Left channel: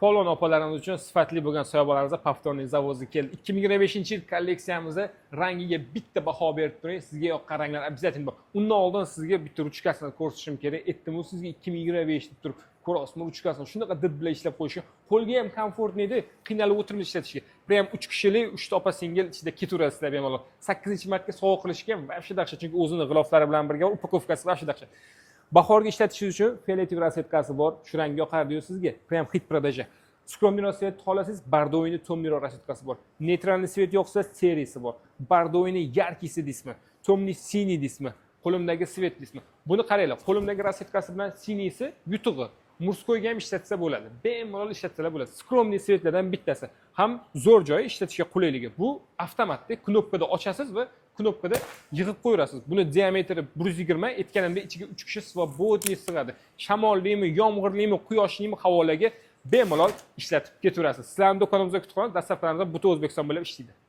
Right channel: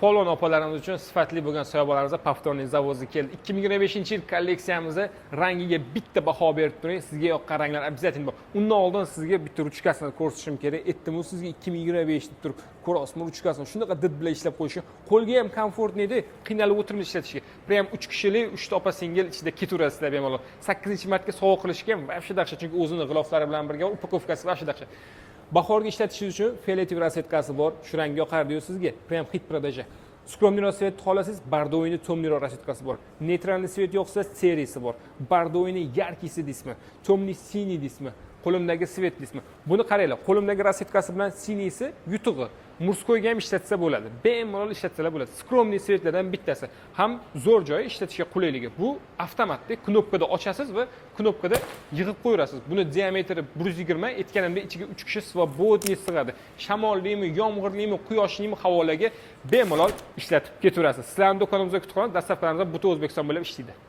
polon opalarimiz uchun sifatli bo'lgan soyabonlarimizda Paftorniy zavodi keldi. 2025-yil kolleksiyamizda rangiga bitta baho berib turing. Sizga yoqqan ranglar обязательно bor. Undan oldin sizga bitta ruchkasini ko'rsatishim kerak. Aytdim-ku sizga 2025 deb turib, ko'rasizmi ruchkasini? Shunaqa did bilan ishlab qo'yishi, qo'lga ham komfortli edi, qiynalib o'tirib ishlatishga. Prям 3 kishilik, 3 ta opa singil ichida ketaverasizlar bemalol. 8-martga sovg'a qilishga ham vaqti dahshat, chunki o'zini g'iloflari bilan birga upakovkasi vaqti dahshat. Bahorga ishlatishingiz uchun fioletoviy rasvetkasi bor. Shu rang yoqar-diyu sizga. Prям hit продажа. Skromniroq svet xolasiz, bardoviyni temniroq rasvetkasi bor. Neytralniy svet yoqsa, seriyasi bor. Bardoviyni yarkisi deysizmi, temniy siniy deysizmi, qo'limdagi svet deysizmi. Buni qaranglar, qo'limdagi rasvetkasi bilan siniysi yutug'i. Murskoyga ham ishlatsa bo'ladi. Bemalol ishlatsalar bo'ladi. Skromniy svetlardan bittasi. Ham zo'r joyi ishlatishga qulayligi. Bu avtomatda knopkada ochasiz va knopkada yig'ib qo'yasiz. Buni diametri 120, aytganimdek ichiga 3 kishi va bo'dni sig'adi. Shamollimi, yomg'irlimi, quyoshlimi havolaga bemalol ishlatib ketaverasiz. Sizlarning do'konimizda kutubxona, dastavkalarimizda butun O'zbekiston bo'ylab ishlaydi.